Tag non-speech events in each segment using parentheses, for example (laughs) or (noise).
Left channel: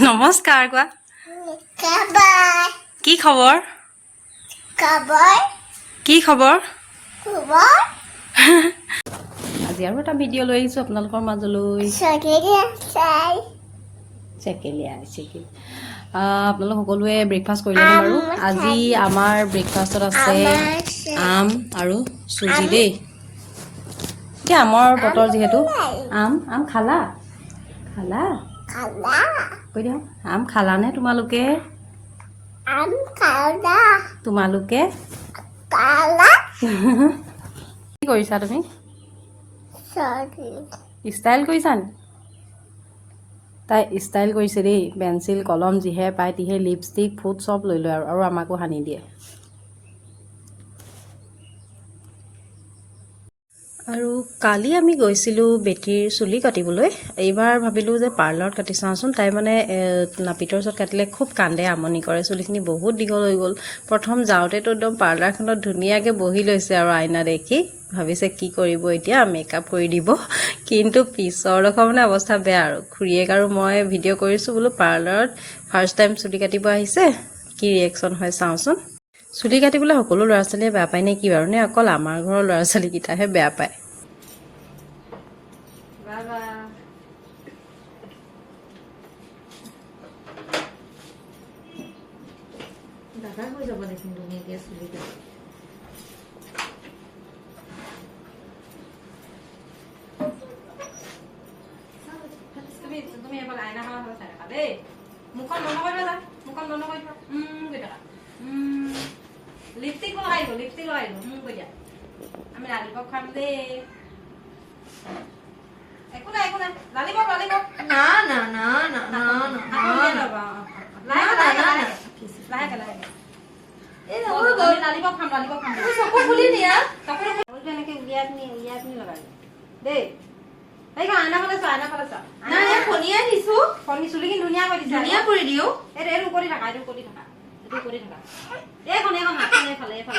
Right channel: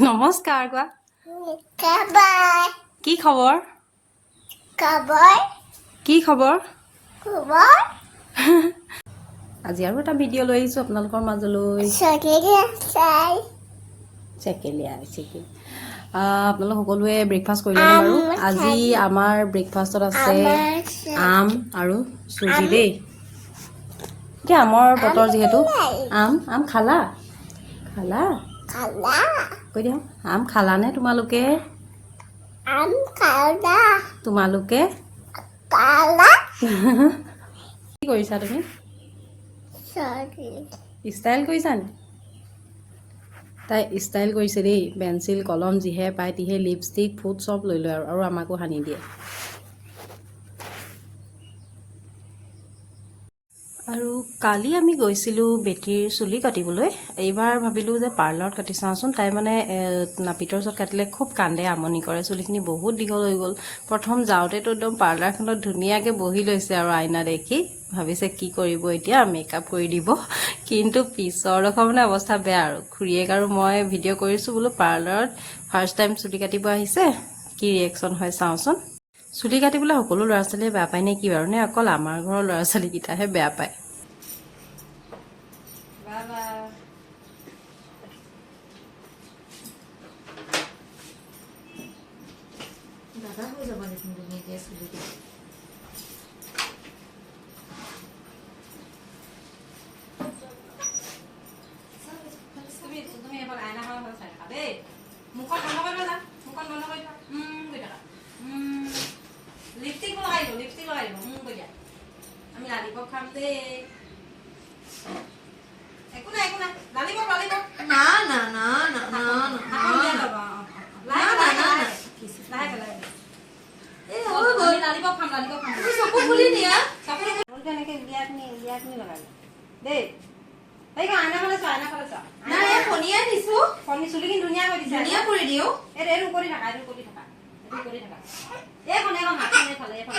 নমস্কাৰ কোৱা কি খবৰ কি খবৰ আজি আৰু এটা ভিডিঅ' লৈ আহিছোঁ আপোনালোকৰ মাজলৈ চেকেলীয়া আপোনালোক সকলোৱে ব্ৰেকফাষ্ট কৰিলে বাৰু আজি আমাৰ ব্ৰেকফাষ্টত আছে আম আৰু চুজি দেই এতিয়া আমৰ বতৰ যিহেতু আম আম খালা খালা কৈ দিয়ক আম খালানে তোমালোকে? আম খালা? তোমালোকে? খালা? (laughs) কি কৰিছা তুমি? ষ্টাইল কৰিছা নি? তাই ষ্টাইল কৰিছে দেই। পেঞ্চিল কলম যিহে পায় তিহে লিপষ্টিক ফুট চব লৈ লয় আৰু আৰু আমাকো সানি দিয়ে। আৰু কালি আমি গৈছিলোঁ বেটীৰ চুলি কাটিবলৈ। এইবাৰ ভাবিলোঁ যে পাৰ্লাৰত কাটি চাওঁচোন। তাই মানে নাপিতৰ ওচৰত কাটিলে খুব কান্দে আমনি কৰে। চুলিখিনি বহুত দীঘল হৈ গ'ল। প্ৰথম যাওঁতেতো একদম পাৰ্লাৰখনত ধুনীয়াকৈ বহি লৈছে আৰু আইনা দেখি। ভাবিছে কি কৰিব এতিয়া মেকআপ কৰি দিব। কিন্তু পিছৰডোখৰ মানে অৱস্থা বেয়া আৰু। খুৰীয়েক আৰু মই ভিডিঅ' কৰিছোঁ বোলো পাৰ্লাৰত ফাৰ্ষ্ট টাইম চুলি কাটিব আহিছে? কি ৰিয়েকশ্যন হয় চাওঁচোন? চুলি কাটিবলৈ সকলো ল'ৰা ছোৱালীয়ে বেয়া পায় নে কি বাৰু নে অকল আমাৰ ঘৰৰ ল'ৰা ছোৱালীকেইটাহে বেয়া পায়? দাদা হৈ যাব দেখোন ধুনীয়াকৈ চুলি কাটি তুমি এবাৰ আইনা খনৰ হৈ চাই থাকা দেই মুখখন বন্ধ কৰি থোৱা মুখখন বন্ধ কৰি থোৱা উম কৰি থাকা লিপষ্টিক লগাই দিওঁ লিপষ্টিক লগাই দিওঁ উম কৰি দিয়া আমি লালিপপ খাম দেই একো নাই একো নাই লালিপপ লালিপপ না না না না না আকৌ উলিয়াই না ল'বা, অ, অ। লাহেকে লাহেকে লাহেকে লাহেকে লাহেকে এই অ, হৈ আমি গ'ল লালিপপ খাম লালিপপ খাম তুমি চকু খুলি দিয়া চকুৰে ফুলটো এনেকে উলিয়াই পিনি উলিয়াই পিনি লগাই দিওঁ। দেই। এইখন আইনা ফালে চোৱা আইনা ফালে চোৱা। নাই এই ফণিয়াই দিছো। ফণি চুলিখিনি ধুনীয়া কৰি দিছে ধুনীয়া কৰি দিও। এইটো এইটো কৰি থাকা এইটো কৰি থাকা। এইটো কৰি থাকা। এইখন এইখন হাতখন এইফালে এইফালে।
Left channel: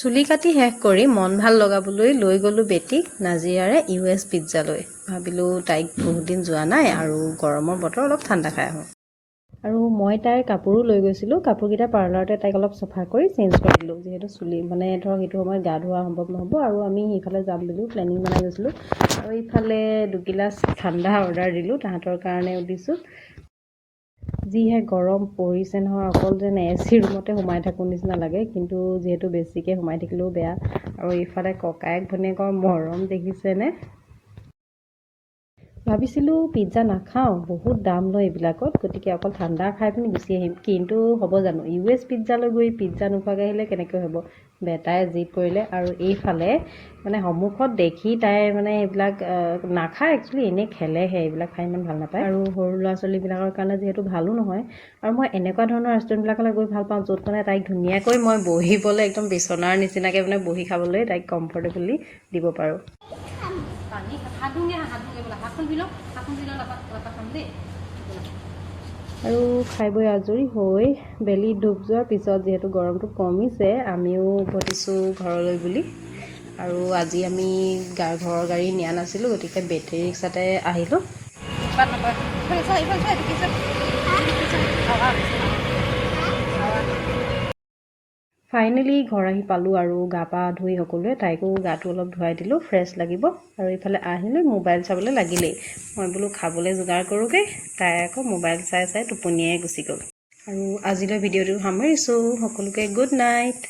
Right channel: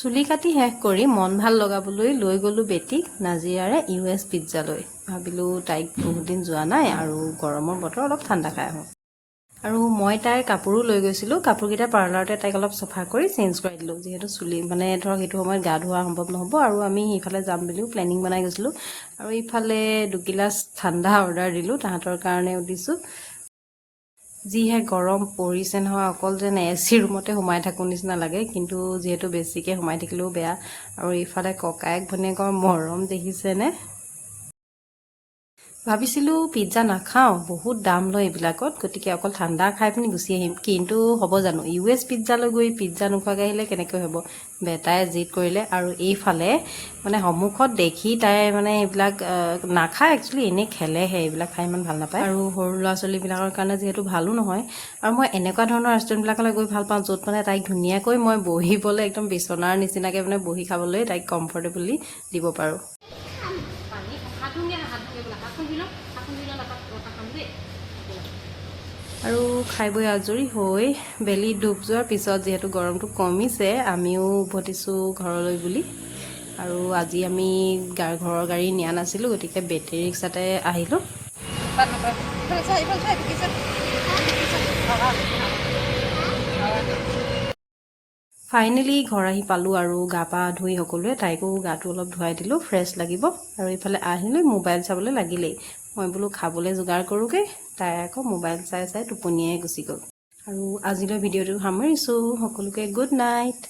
চুলি কাটি শেষ কৰি মন ভাল লগাবলৈ লৈ গ'লোঁ বেটীক নাজিৰাৰে ইউ এছ পিজ্জালৈ। ভাবিলোঁ তাইক বহুত দিন যোৱা নাই আৰু গৰমৰ বতৰ অলপ ঠাণ্ডা খাই আহোঁ। আৰু মই তাইৰ কাপোৰো লৈ গৈছিলোঁ। কাপোৰকেইটা পাৰ্লাৰতে তাইক অলপ চফা কৰি চেঞ্জ কৰি দিলোঁ। যিহেতু চুলি মানে ধৰক সেইটো সময়ত গা ধোৱা সম্ভৱ নহ'ব আৰু আমি সিফালে যাম বুলিও প্লেনিং বনাই গৈছিলোঁ। আৰু ইফালে দুগিলাচ ঠাণ্ডা অৰ্ডাৰ দিলোঁ তাহাঁতৰ কাৰণেও দিছোঁ যিহে গৰম পৰিছে নহয় অকল যেন এ চি ৰুমতে সোমাই থাকোঁ নিচিনা লাগে কিন্তু যিহেতু বেছিকৈ সোমাই থাকিলেও বেয়া। আৰু ইফালে ককায়েক ভনীয়েকৰ মৰম দেখিছেনে? ভাবিছিলোঁ পিজ্জা নাখাওঁ বহুত দাম লয় এইবিলাকত গতিকে অকল ঠাণ্ডা খাই পিনি গুচি আহিম। কিন্তু হ'ব জানো ইউ এছ পিজ্জালৈ গৈ পিজ্জা নোখোৱাকৈ আহিলে কেনেকৈ হ'ব? বেটাই জিদ কৰিলে আৰু এইফালে মানে সন্মুখত দেখি তাই মানে এইবিলাক নাখায় একচুৱেলি এনেই খেলেহে এইবিলাক খাই ইমান ভাল নাপায়। আৰু সৰু ল'ৰা ছোৱালীবিলাকৰ কাৰণে যিহেতু ভালো নহয় আৰু মই এনেকুৱা ধৰণৰ ৰেষ্টুৰেণ্টবিলাকলৈ গৈ ভাল পাওঁ য'ত মানে তাইক ধুনীয়াকৈ মই বহিবলৈ একদম বিচনাৰ নিচিনাকৈ মানে বহি খাবলৈ তাইক কমফৰ্টেবলি দিব পাৰোঁ। হাত ধুই দিয়া হাত ধুই পেলাই হাতখন ধুই লওঁ হাতখন ধুই লওঁ লাপাক লাপাক খাম দেই। আৰু খাই বৈ আজৰি হৈ বেলি ডুব যোৱাৰ পিছত যিহেতু গৰমটো কমিছে আমিও উভতিছোঁ ঘৰলৈ বুলি। আৰু আজি আমি গা ঘৰৰ গাড়ী নিয়া নাছিলোঁ গতিকে বেটেৰী ৰিক্সাতে আহিলোঁ। ফাইনেলি ঘৰ আহি পালোঁ আৰু গা পা ধুই সকলোৱে তাইকো গাটো অলপ ধুৱাই দিলোঁ ফ্ৰেছ লাগিব। আৰু ইফালে আহিলৈ মোবাইল চাবলৈ লাগিলেই। মই বোলো খাবলৈ যোগাৰ কৰোঁগৈ তাই আকৌ মোবাইল চাই চাই টোপনিয়াই গুচি গ'ল। আৰু আজিলৈ ভিডিঅ'টো সামৰিছোঁ। সকলোকে গুড নাইট